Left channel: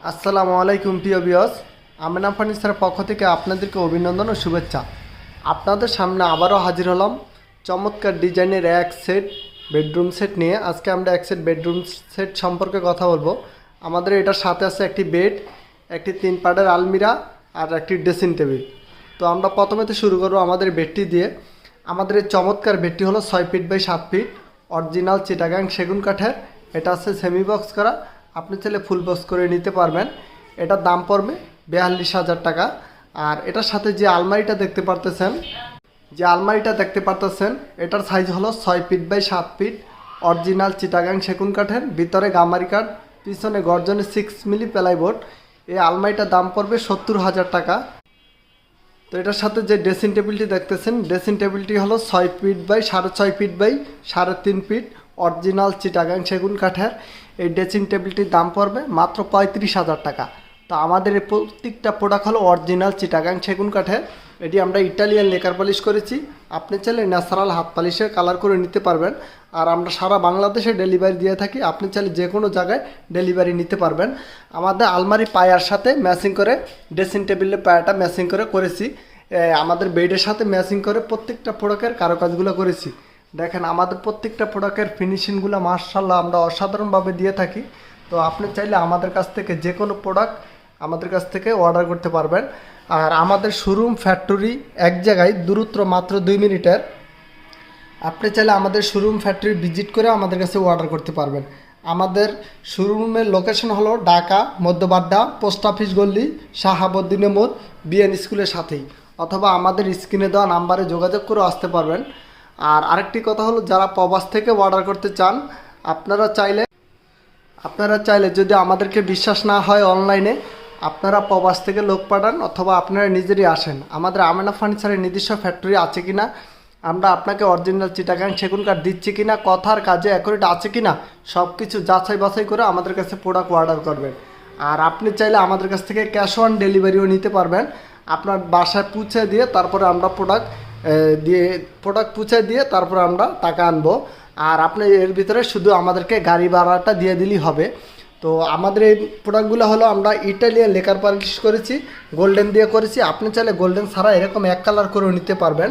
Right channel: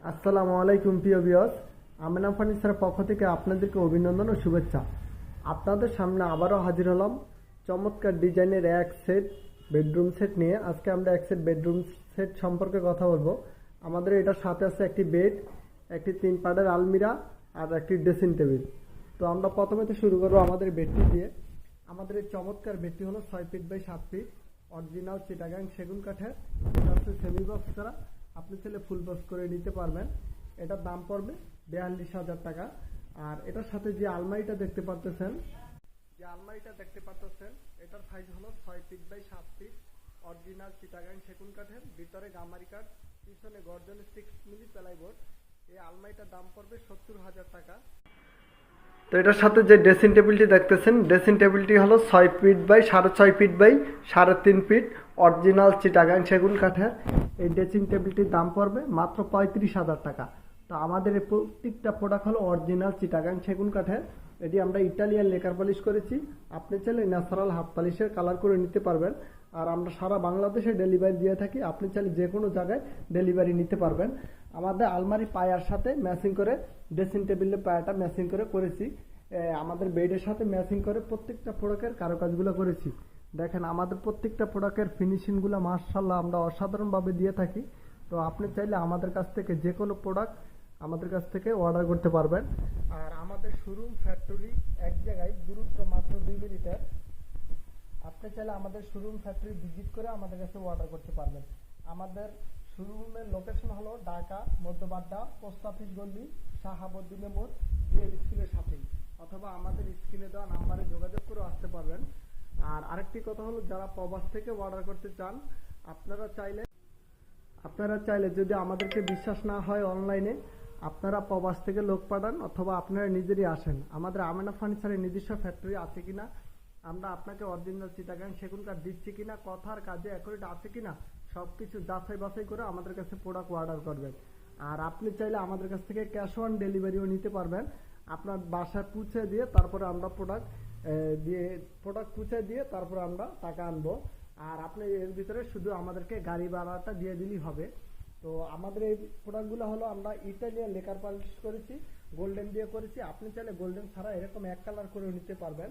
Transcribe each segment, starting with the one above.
আসসালামু আলাইকুম প্রিয় ভিউয়ার্স, আমেনা ফার্নিচারের পক্ষ থেকে আপনাদেরকে অভিনন্দন ও শুভেচ্ছা। আপনাদের সামনে আবারও হাজির হলাম চমৎকার ডিজাইনের এক সেট বেডরুম সেট নিয়ে। আজকে আমরা এক সেট বেডরুম সেট সম্পর্কে কথা বলবো। আমাদের এটার সাথে আছে একটি বেড, একটি 3 পার্টের আলমিরা আর একটি ড্রেসিং টেবিল। তো আমরা প্রথমে শুরু করবো আমাদের বেডটি দিয়ে। আমাদের এই চমৎকার বেডটি হলো 6 feet by 7 feet, original Chittagong সেগুন কাঠের। এটা আছে সেমি বক্স করা, আপনি চাইলে ফুল বক্স করে নিতে পারবেন। এটার দাম পড়বে 42,000 টাকা। আর এটার সাথে যে আলমারিটা দেখতে পারতেছেন এটার সাইজ হলো 6 feet by 7 feet, original Chittagong সেগুন কাঠের, ভিতরে গামারি কাঠ, পিছনে গর্জনে 6 মিলি প্লাইবোর্ড। এই আলমারিটার দাম পড়বে 70,000 টাকা। তো এটার সাথে যে ড্রেসিং টেবিলটি দেখতেছেন, ড্রেসিং টেবিলটি হলো 6 feet by 6.5 feet by 3.5 feet, original Chittagong সেগুন কাঠের। এই ড্রেসিং টেবিলটির দাম পড়বে মাত্র 35,000 টাকা। তো আমাদের এই প্রত্যেকটা প্রোডাক্ট হলো অরিজিনাল চিটাগাং সেগুন কাঠের। এটি আমরা ইটালিয়ান লেকার পলিশ করেছি। আপনি চাইলে ন্যাচারাল হাত পলিশের কালার করে নিতে পারবেন। আর আমরা সারা বাংলাদেশে ডেলিভারি দিয়ে থাকি, আপনি চাইলে যে কোনো জায়গায় ডেলিভারি নিতে পারবেন। আমাদের আলমারি পায়ার সাথে ম্যাচিং করে ড্রেসিং টেবিলের পায়াটা ম্যাচিং করেছি। আমাদের বেডের সাথে ম্যাচিং করে প্রত্যেকটা প্রোডাক্টের কারুকাজগুলো করেছি। দেখেন আমাদের প্রত্যেকটা প্রোডাক্টের ফিনিশিংগুলো মাশাআল্লাহ আমরা অসাধারণভাবে দিয়ে থাকি। তো আপনি চাইলে আমাদের কাছ থেকে যে কোনো প্রোডাক্ট আমাদের কাছ থেকে অর্ডার করতে পারবেন। আর আমাদের শোরুম ফ্যাক্টরি এক জায়গায়, দূরত্ব মাত্র 2 মিনিটের। আপনি চাইলে আমাদের শোরুম ফ্যাক্টরি ভিজিট করে আমাদের কাছে অর্ডার করতে পারবেন। আমাদের শোরুমের লোকেশন হলো ঢাকা মধ্যবাড্ডা, পোস্ট অফিস গল্লি, শাহাবুদ্দিনের মোড়, বিএন স্কুলের সাথেই। অথবা আমাদের স্ক্রিনে দেওয়া নাম্বারে যোগাযোগ করে আসতে পারবেন। আর আরেকটি কথা হলো, যারা প্রবাস থেকে অর্ডার করতে চান, আপনারা চাইলে যদি আমাদেরকে বিশ্বাস না হয় অনলাইনে, আপনারা প্রবাস থেকে লোক পাঠান অথবা আপনারা নিজেরই আসেন। আমাদের আমেনা ফার্নিচারের নিজস্ব ফ্যাক্টরি আছে কিনা, আমরা আপনাকে অরিজিনাল চিটাগাং সেগুন কাঠ দিচ্ছি কিনা, কথার কাজে অ্যাকুরেট আছে কিনা, সব কিছু যাচাই বাছাই করে আমাদের কাছে প্রোডাক্ট অর্ডার করবেন। আর আপনি চাইলে আমাদের কাছ থেকে ক্যাশ অন ডেলিভারিও নিতে পারবেন। আপনার বাসায় পৌঁছে দিয়ে তারপরে আমরা প্রোডাক্ট পৌঁছে দিয়ে তারপরে আমরা টাকা আনবো। আর আপনি এর ভিতরে শুধু আমাদেরকে গাড়ি ভাড়াটা দিয়ে দিলেই হবে। তো আমাদের এই প্রোডাক্টগুলো হলো আমরা ইটালিয়ান লেকার পলিশ করেছি, গোল্ডেন দিয়ে করেছি। আপনি চাইলে গোল্ডেন ছাড়া এরকম এক কালার করেও নিতে পারবেন।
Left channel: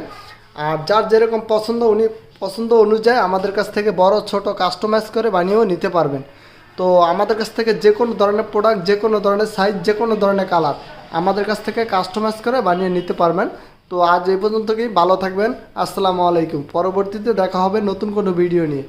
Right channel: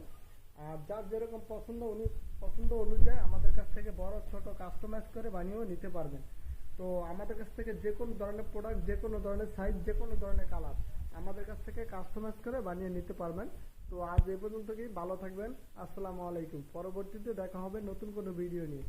আর যার যেরকম পছন্দ অনুযায়ী আমাদের কাছ থেকে বড় ছোট কাস্টমাইজ করে বানিয়েও নিতে পারবেন। তো আমাদের কাছ থেকে যে কোনো ধরনের প্রোডাক্ট, যে কোনো ধরনের সাইজ, যে কোনো ধরনের কালার আমাদের কাছ থেকে কাস্টমাইজ করে বানিয়ে নিতে পারবেন। তো আজ এই পর্যন্তই, ভালো থাকবেন। আসসালামু আলাইকুম। পরবর্তীতে দেখা হবে নতুন কোনো ভিডিও নিয়ে।